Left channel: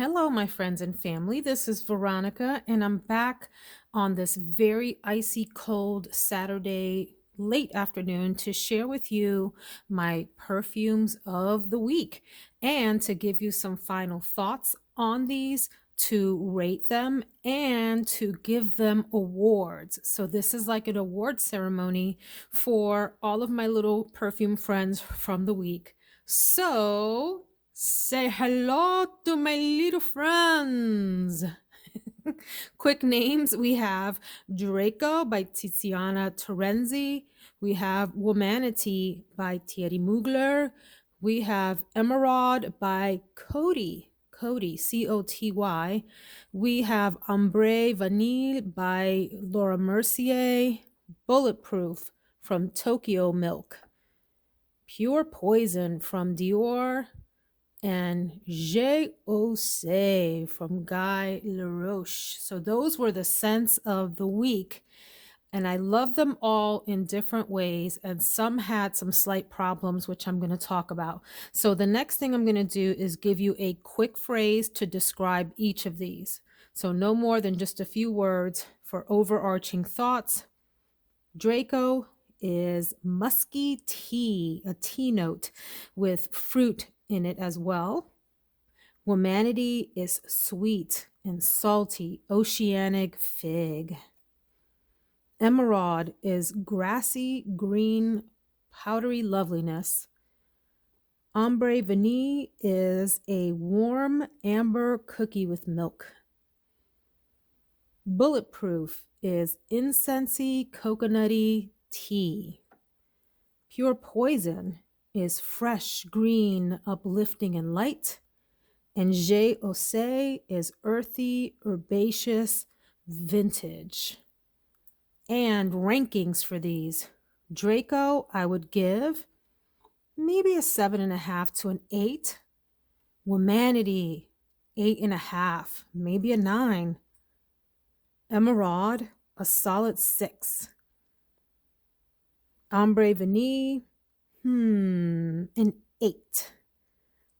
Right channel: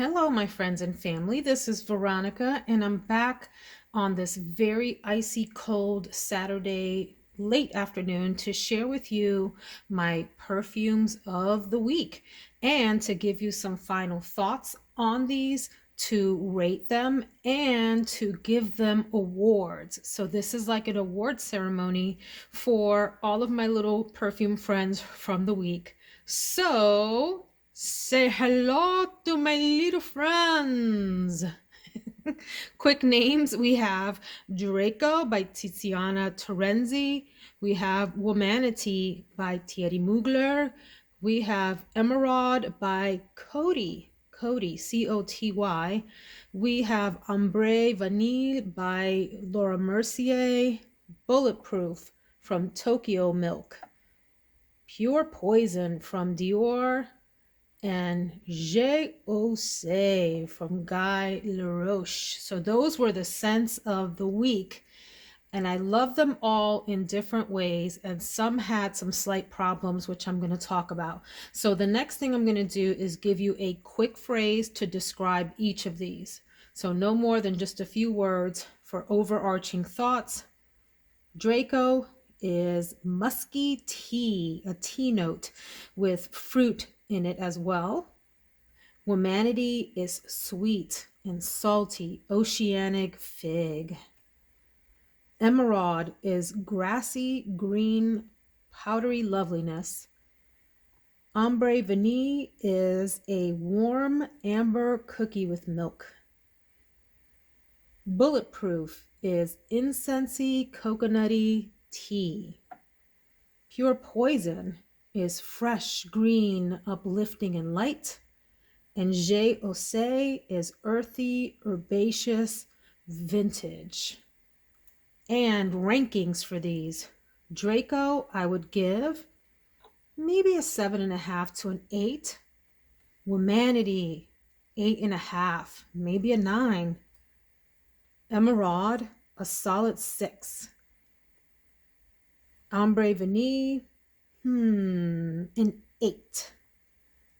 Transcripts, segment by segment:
Hello, my friends and family. This is Veronica, and I'm back on this very icy cold Saturday late afternoon to share with you my perfumes of the week and to give you some final thoughts on these, to rate them, and to give them awards. So, this is like an award ceremony for all of my little perfume friends from the week. So, say hello to my little friends. Quick names, we have Draco by Tiziana Terenzi. We have Womanity by Thierry Mugler. We have Emeraude by Coty, C-O-T-Y. We have Ambre Vanille by Laura Mercier. Bulletproof from Tokyomilk. Pure Poison from Dior, and Je Ose from Guy Laroche. So those were the scents of the week. And I love them all in different ways. And some had some slight problems, which I'm going to talk about. So the next thing I'm going to do is give you a quick phrase to describe each of these. So no more than just a few words for overarching thoughts. Draco is musky tea, a tea note with fruit in it as well. Womanity is sweet and salty, oceanic fig. Emeraude is grassy, green, powdery loveliness. Ambre Vanille is a warm amber cookie with milk. Bulletproof is incensey, coconutty tea. Pure Poison is fresh, green, uplifting, and light. And Je Ose is earthy, herbaceous, vintage. And rankings for these. Draco, I would give maybe a 7.5 to an 8. Womanity, 8.5, maybe a 9. Emeraude, a solid 6. Ambre Vanille, an 8.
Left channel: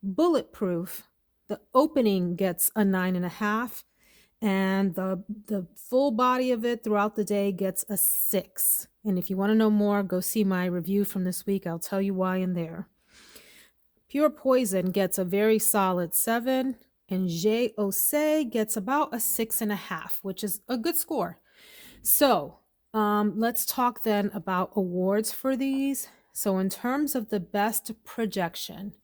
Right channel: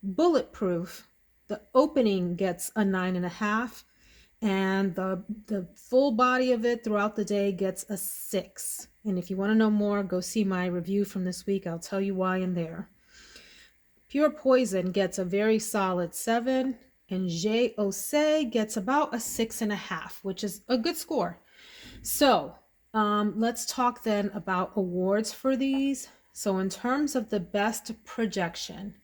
Bulletproof, the opening gets a 9.5, and the full body of it throughout the day gets a 6. And if you want to know more, go see my review from this week. I'll tell you why in there. Pure Poison gets a very solid 7, and Je Ose gets about a 6.5, which is a good score. So let's talk then about awards for these. So in terms of the best projection,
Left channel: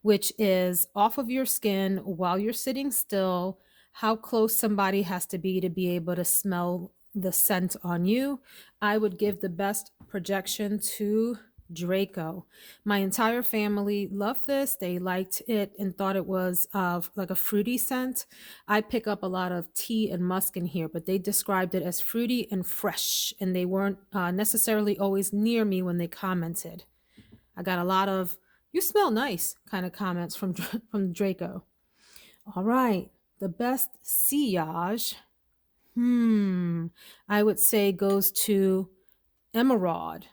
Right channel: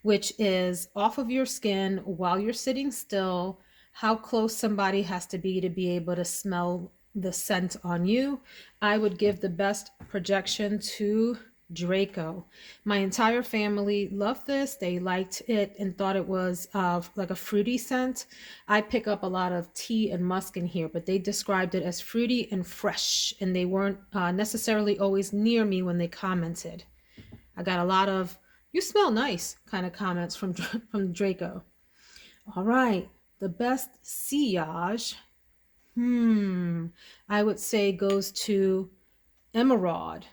which is off of your skin while you're sitting still, how close somebody has to be able to smell the scent on you, I would give the best projection to Draco. My entire family loved this. They liked it and thought it was like a fruity scent. I pick up a lot of tea and musk in here, but they described it as fruity and fresh, and they weren't necessarily always near me when they commented. I got a lot of "you smell nice" kind of comments from Draco. All right, the best sillage, I would say goes to Emeraude,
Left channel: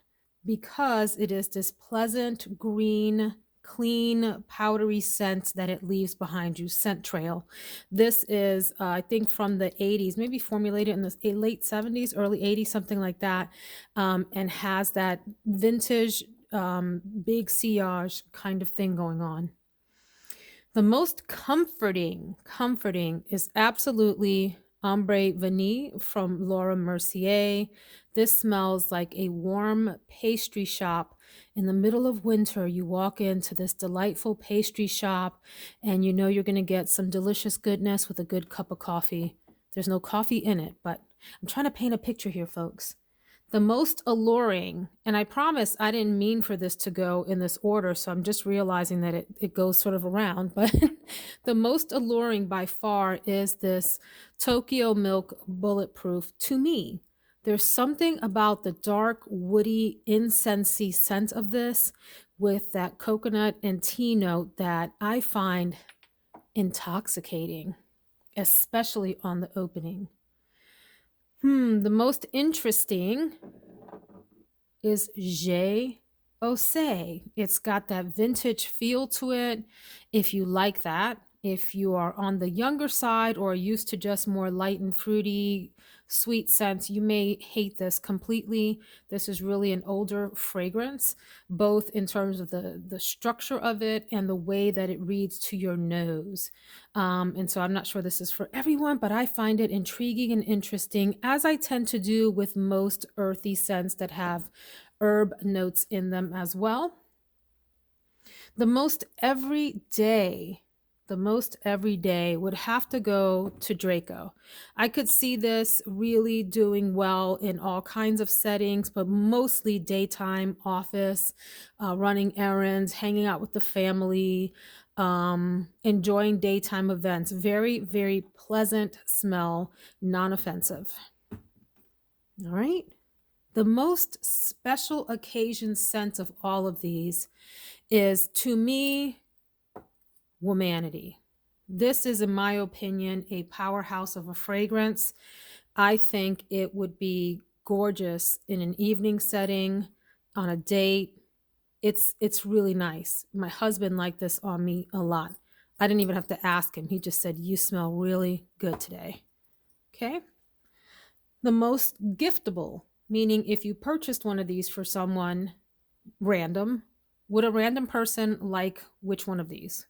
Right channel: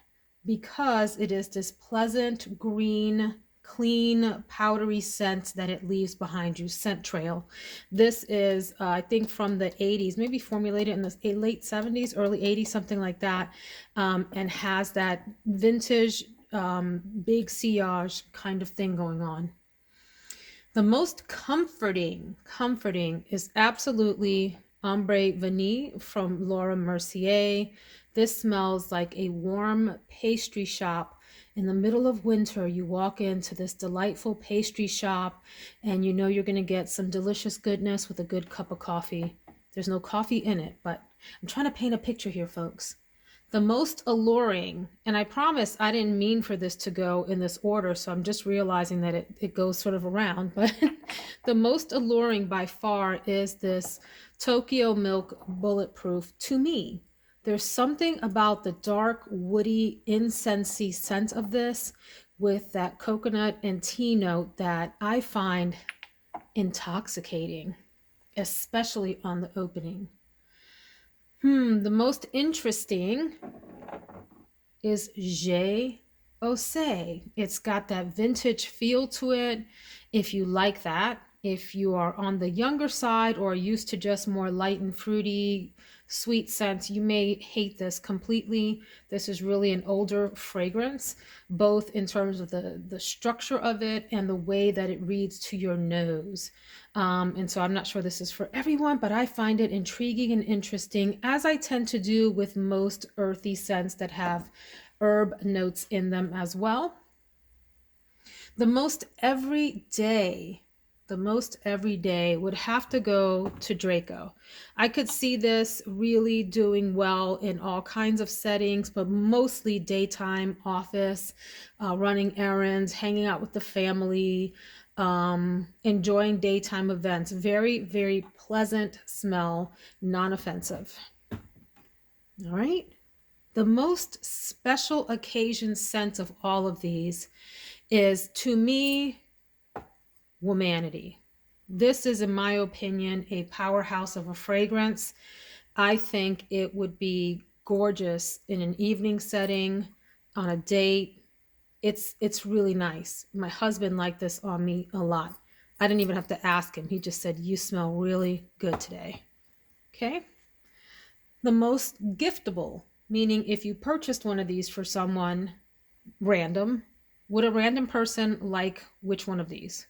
because it is this pleasant green, clean, powdery scent that it leaves behind you, scent trail. This is, I think, from the 80s, maybe formulated in the late 70s, early 80s, something like that, and has that vintage, big sillage kind of thing going on. The most comforting is absolutely Ambre Vanille from Laura Mercier. This smells like a warm pastry shop. In the middle of winter, you walk into this delightful pastry shop and you know you're going to get some delicious goodness with a good cup of coffee. There's no coffee in it, but I'm trying to paint a picture here, folks. The most alluring, and I promise I didn't mean for this to go in this order, so I'm just realizing that it goes sort of around, but the most alluring by far is this Tokyomilk Bulletproof to me. There's something about the dark, woody, incensey scent of this with that coconut and tea note that I find intoxicating, especially on the opening. The most interesting is Je Ose. It's got that vintage feel to it. If you like that, If you are on the younger side or used to just more light and fruity, sweet scents, you may hate this completely. This is really an older fragrance, both in terms of the structure of it and the way that it reads to your nose. And so I'm not sure this is for everyone, but I find it intriguing and interesting, as I tend to do with most earthy scents that have herb notes in them as well. The most everyday, the most everyday would have to go to Draco. I could see this really doing well in all kinds of settings, but mostly daytime office, running errands, hanging out with the family, enjoying daytime events. Very, very pleasant smell, non-offensive. All right. The most special occasion scent of all of these is, to me, Womanity. This is, in my opinion, a powerhouse of a fragrance. I think it would be gorgeous in an evening setting, on a date. It's really nice. My husband liked this on me a lot. I didn't even have to ask him. He just said, "You smell really good today." Okay. The most giftable, meaning if you purchased one of these for someone random, would a random person like which one of these?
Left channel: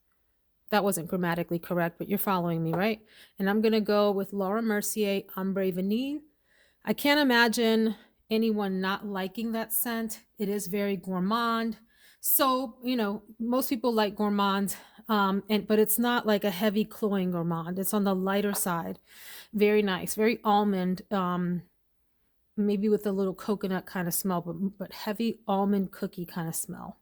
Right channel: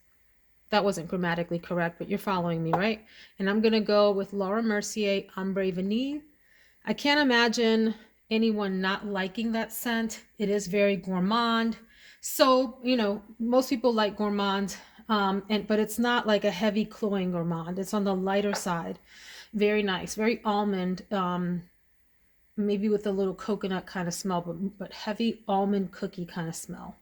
That wasn't grammatically correct, but you're following me, right? And I'm going to go with Laura Mercier Ambre Vanille. I can't imagine anyone not liking that scent. It is very gourmand. So, most people like gourmand, but it's not like a heavy cloying gourmand. It's on the lighter side. Very nice, very almond, maybe with a little coconut kind of smell, but heavy almond cookie kind of smell.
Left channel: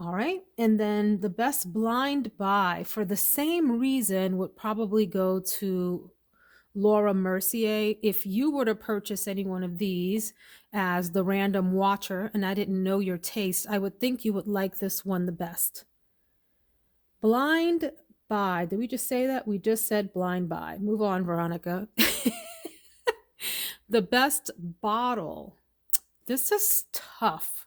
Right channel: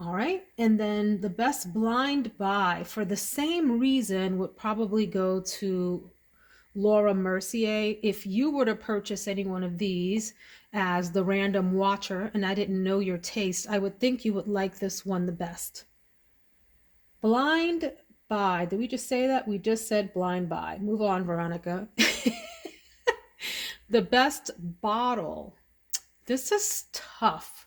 All right. And then the best blind buy, for the same reason, would probably go to Laura Mercier. If you were to purchase any one of these as the random watcher and I didn't know your taste, I would think you would like this one the best. Blind buy. Did we just say that? We just said blind buy. Move on, Veronica. The best bottle. This is tough.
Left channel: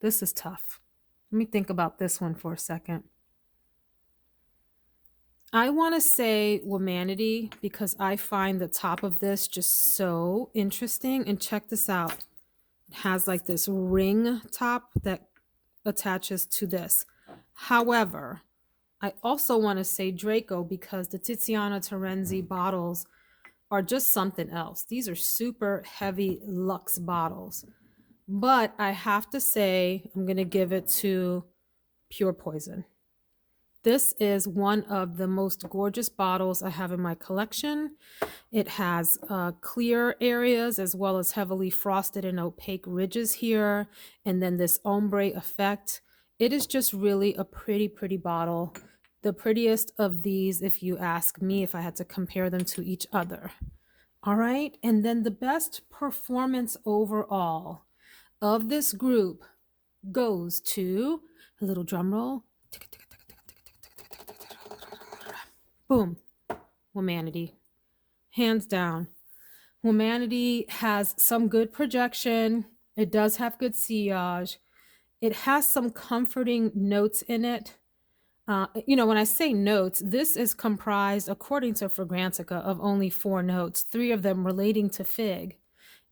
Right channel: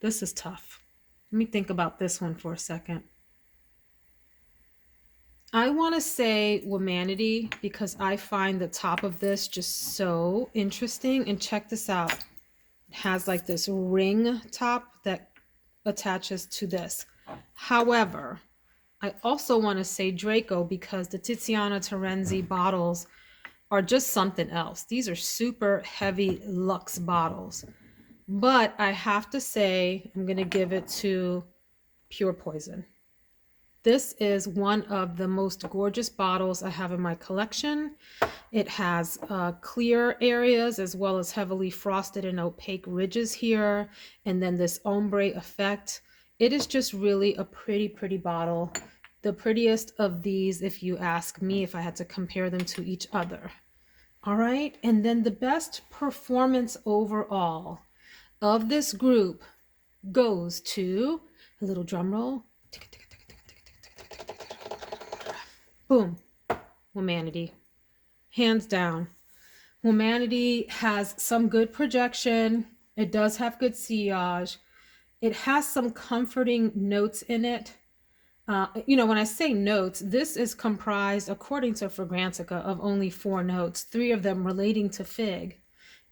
This is tough. Let me think about this one for a second. I want to say Womanity because I find the top of this just so interesting. And check this out. It has like this ring top that attaches to this. However, I also want to say Draco because the Tiziana Terenzi bottles are just something else. These are super heavy luxe bottles. But I have to say, I'm going to give it to Pure Poison. This is one of the most gorgeous bottles I have in my collection. It has clear areas as well as heavily frosted and opaque ridges here. And then this ombre effect. It is just really a pretty, pretty bottle. The prettiest of these, if you ask me, if I had to compare them to each other. All right. And then the best performance overall of this group goes to, a little drum roll. Boom. Womanity. Hands down. Womanity has some good projection. It does have good sillage. It has some comforting notes in it. When I say notes, this is comprised, according to Fragrantica, of only 4 notes, 3 of them relating to fig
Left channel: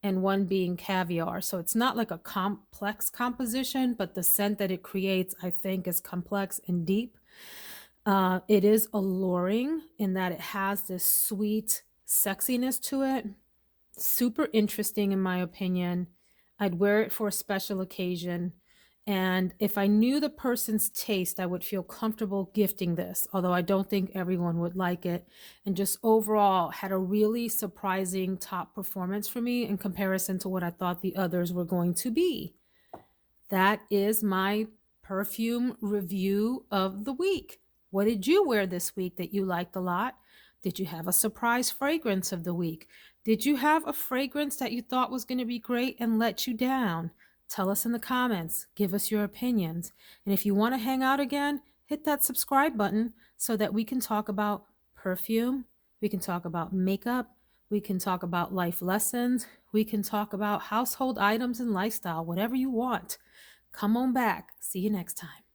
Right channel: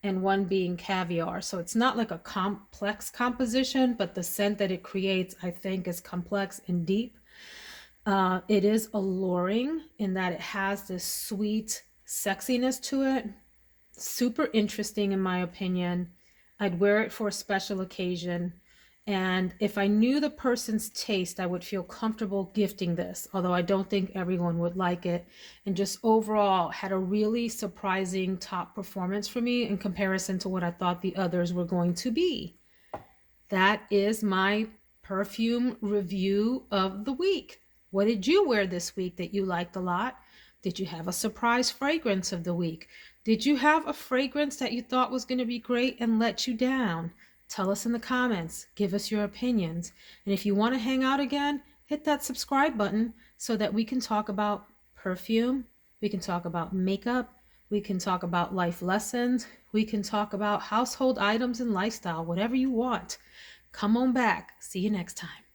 and 1 being caviar. So it's not like a complex composition, but the scent that it creates, I think, is complex and deep. It is alluring in that it has this sweet sexiness to it. Super interesting, in my opinion. I'd wear it for a special occasion. And if I knew the person's taste, I would feel comfortable gifting this, although I don't think everyone would like it. And just overall had a really surprising top performance for me in comparison to what I thought the others were going to be. That is my perfume review of the week. What did you wear this week that you liked a lot? Did you have a surprise fragrance of the week? Did you have a fragrance that you thought was going to be great and let you down? Tell us in the comments. Give us your opinions. And if you want to hang out again, hit that subscribe button so that we can talk about perfume. We can talk about makeup. We can talk about life lessons. We can talk about household items and lifestyle, whatever you want. Come on back. See you next time.